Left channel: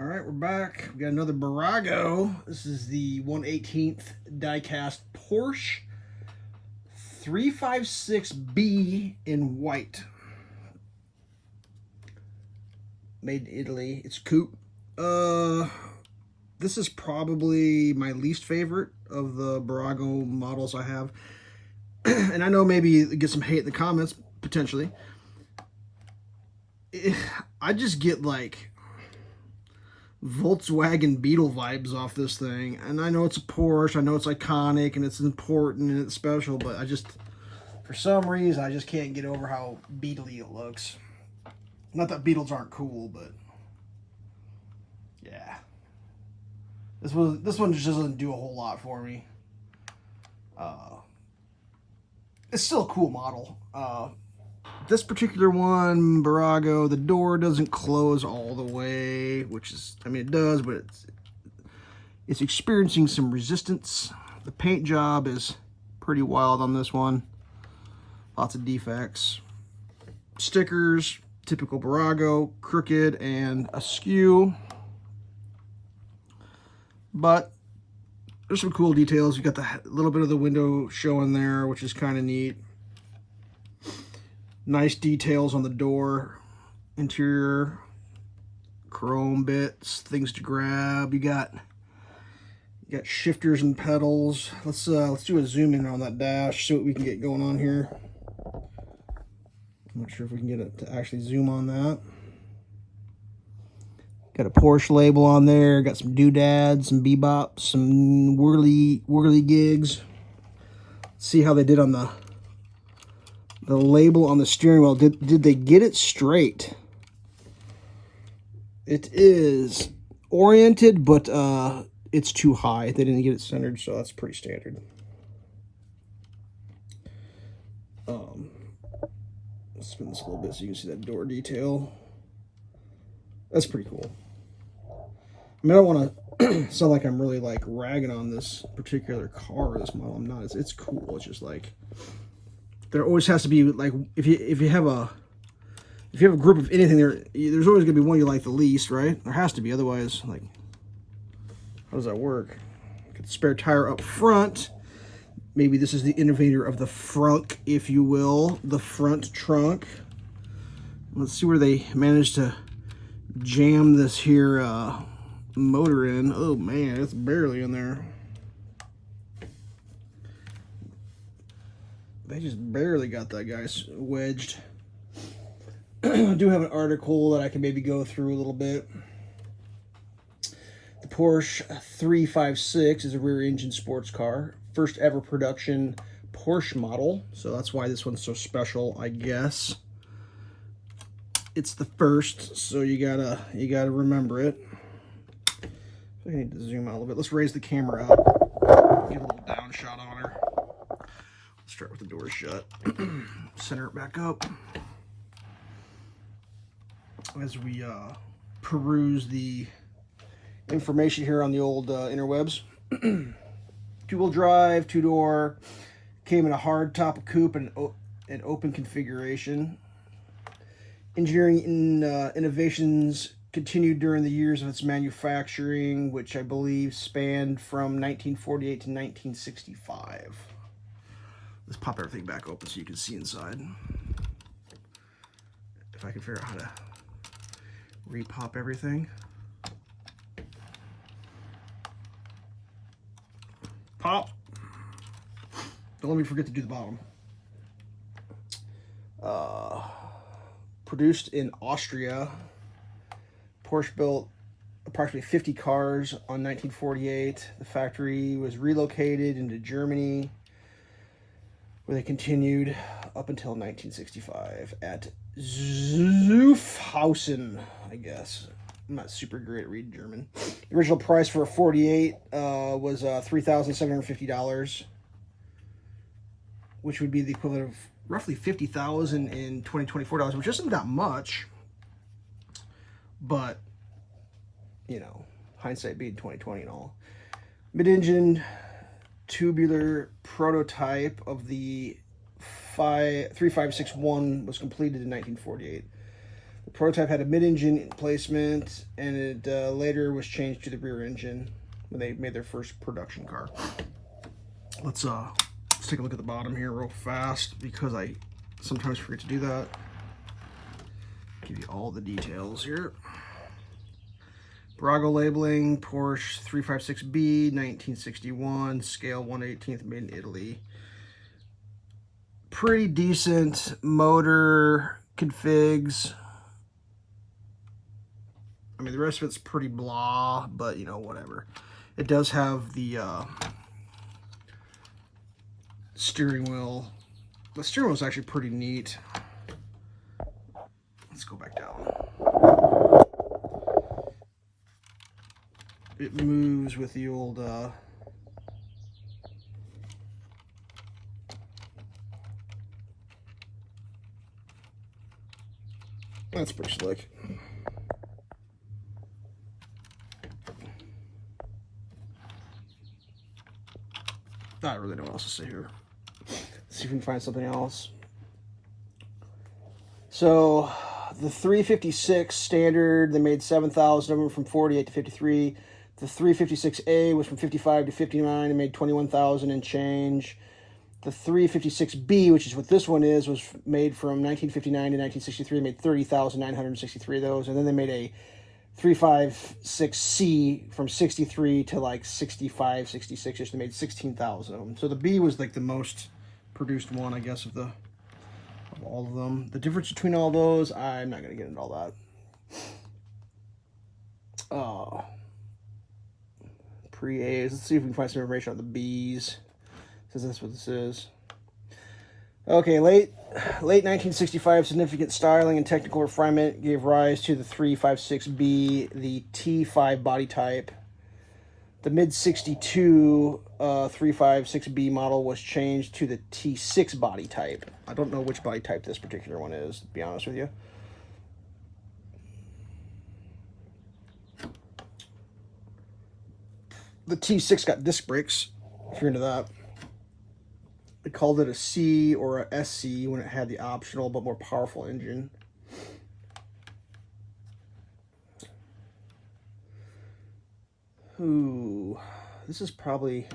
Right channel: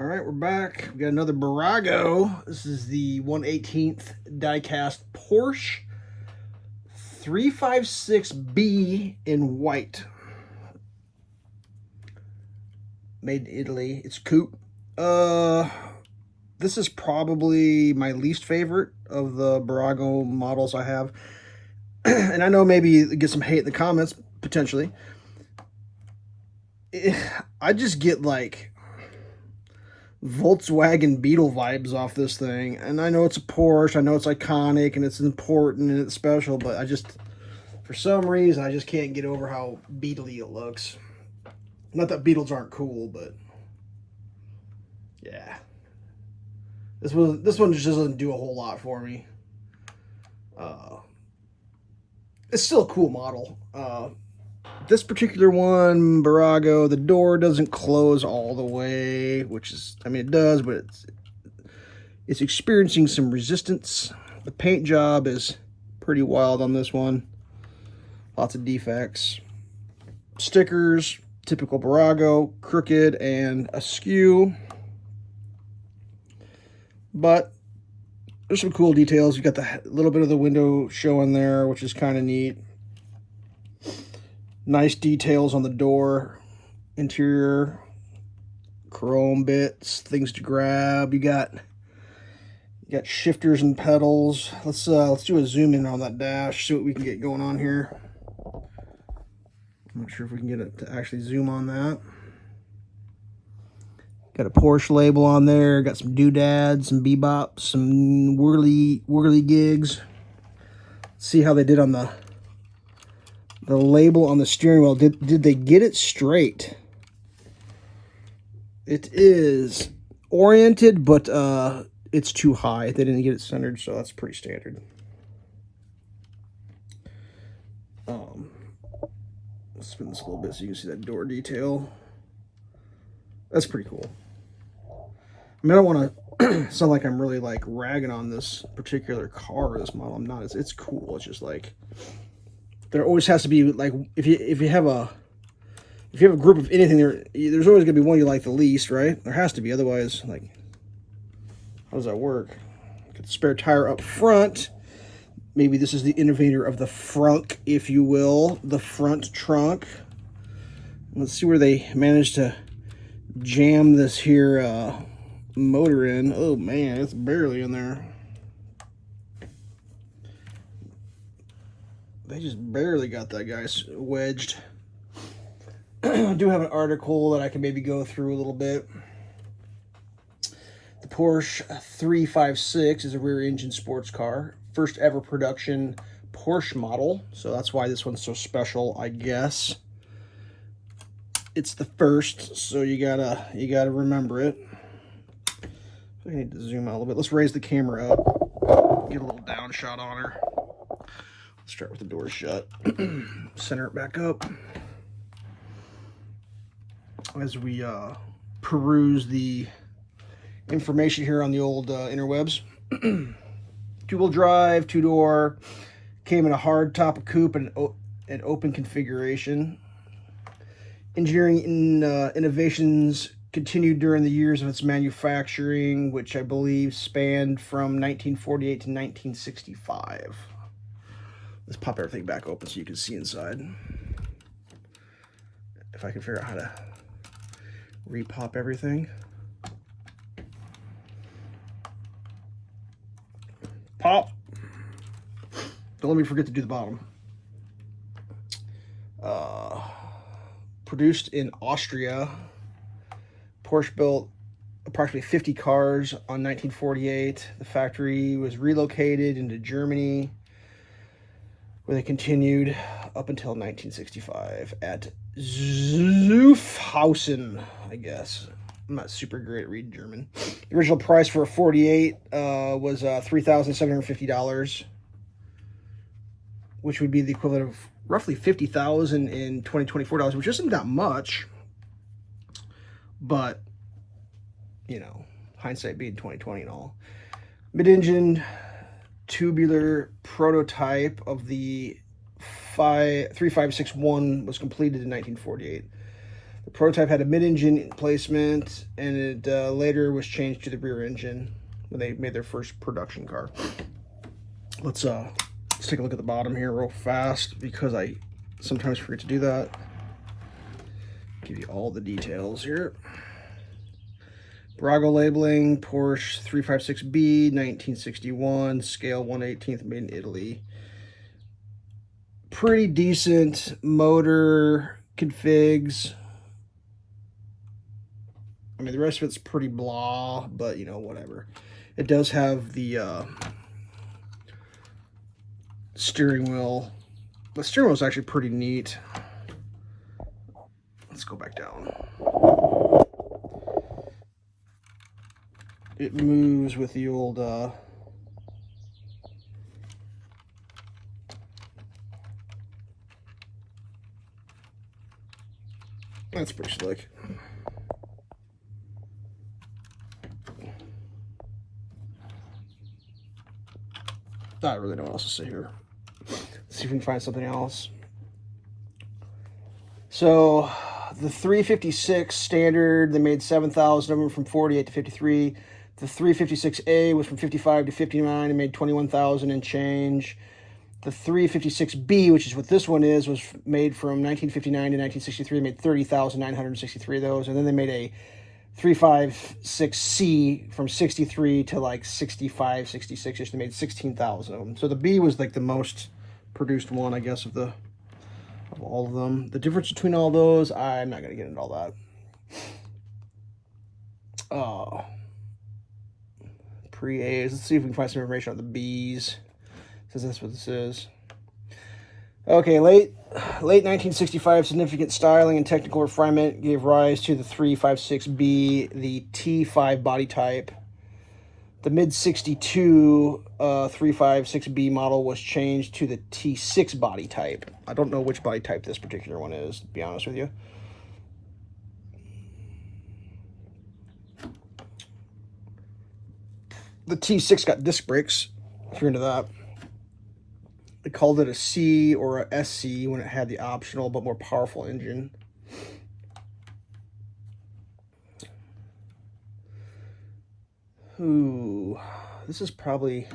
All right, we're back. We got another Bburago. This is the 1/18th diecast Porsche 356B in white. Made in Italy. It's Coupe. This is probably my least favorite of the Bburago models I have. And I know maybe get some hate in the comments, potentially. I just get like Volkswagen Beetle vibes off this thing. And I know it's a Porsche, I know it's iconic and it's important and it's special, but I just, for some reason, I just can't get over how Beetle-y it looks. Not that Beetles aren't cool, but yeah. This one just doesn't do a whole lot for me. It's still a cool model. This particular one, Bburago, the door doesn't close all the way, which is, I mean, it does, but it's experiencing some resistance. The paint job is pretty wild on this one. Lots of defects. Stickers, typical Bburago, crooked and askew. But there's some cool details. You got the little bit of the window showing there, which is kind of neat. Nice details on the door, interior, chrome bits, things to grab. You got shifters and pedals. Let's do a zoom in on that dash, see what we can get going on here. I'm not sure if we can get it to actually zoom on that. Got a Porsche label on there. Got some doodads, some bebops, some whirly gigs. Let's see how they did on the label on the steering wheel. Did they get it straight? It is oriented, but it's too high. They didn't get it centered, so that's pretty standard. Let's spin this a little bit so you can see that door detail. That's pretty cool. I mean, I don't want to sound like I'm really like ragging on this particular car or this model. I'm not. It's cool. It's just like there always has to be like if you have a group of anything, there's always gonna be one you like the least, right? There has to be. Otherwise, like, how does that work? Get the spare tire up front. Maybe this is the innovator of the frunk, if you will, the front trunk. Let's see where they managed to jam this here motor in. Oh man, it's barely in there. They just barely got that guy wedged. I do have an article that I can maybe go through a little bit. The Porsche 356 is a rear engine sports car. First ever production Porsche model. So that's why this one's so special, I guess. It's the first, so you gotta remember it. So I need to zoom out a little bit. Let's raise the camera up. Get a little down shot on her. Let's start with the door shut. Center it back up. As we peruse the information here on the old interwebs. Two-wheel drive, two-door, came in a hard top of coupe and an open configuration. Engineering innovations continued during the years of its manufacturing, which I believe spanned from 1948 to 1965. Let's pop everything back open so you can see inside. If I can figure out how to repop everything. Pop. Don't let me forget to do the bottom. Produced in Austria. Porsche built approximately 50 cars on 1948. The factory was relocated into Germany, where they continued up until 1965 at Zuffhausen, I guess. I'm not super great at reading German. The original price for a 48 was $3,750, which would be the equivalent of roughly $50,000 in 2024 dollars, which isn't that much. But, you know, hindsight being 2020 and all. Mid-engine tubular prototype of the 3561 was completed in 1948. The prototype had a mid-engine placement, and it later was changed to the rear engine when they made their first production car. Let's take a look at the bottom here real fast, because I sometimes forget to do that. Give you all the details here. Bburago labeling, Porsche 356B, 1961, scale 1/18, made in Italy. Pretty decent motor configs. I mean, the rest of it's pretty blah, but you know, whatever. It does have the steering wheel. The steering wheel is actually pretty neat. Let's go back down. It moves with the old that's pretty slick. I really don't know what else to say here. Let's see if we can find something else. So the 356 standard, they made 7,000 of them from 48 to 53. The 356A was from 55 to 59 and made 21,000 and change. The 356B, which is what this one is, was made from 1959 to 1963, made 30,963 of those. And then they made a 356C from 63 to like 65, 66ish. They made 16,000 of them. So the B was like the most produced one, I guess, of all of them. The difference between all those, I'm not going to get into all that. Oh. Pre-A's. Let's see if we can find some information on the B's, since that's what this is. Okay, late 1965, significant styling and technical refinement gave rise to the 356B, the T5 body type. The mid-62 356B model was changed to the T6 body type. I don't know which body type this particular one is, to be honest with you. The T6 got disc brakes, if you're into that. They called it a C or a SC when it had the optional but more powerful engine. Ooh, this is probably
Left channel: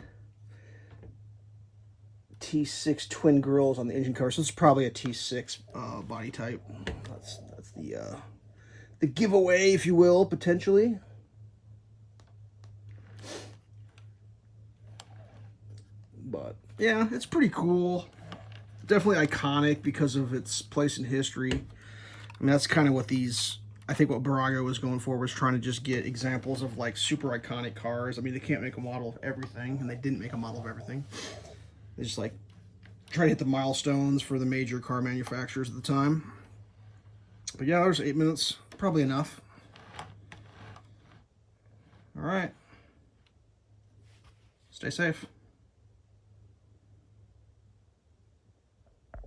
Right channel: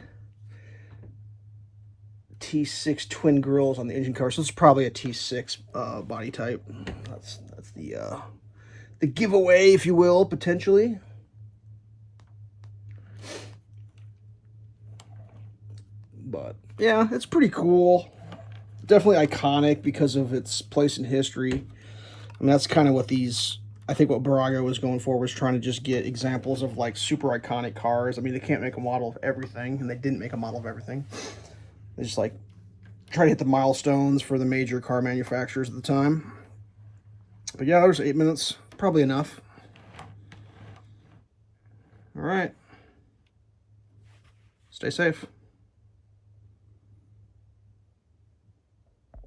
T6 twin grills on the engine car, so it's probably a T6 body type. That's the giveaway, if you will, potentially. But yeah, it's pretty cool. Definitely iconic because of its place in history. I mean, that's kind of what these, I think what Bburago was going for, was trying to just get examples of like super iconic cars. I mean, they can't make a model of everything, and they didn't make a model of everything. They just like try to hit the milestones for the major car manufacturers at the time. But yeah, there's 8 minutes, probably enough. All right. Stay safe.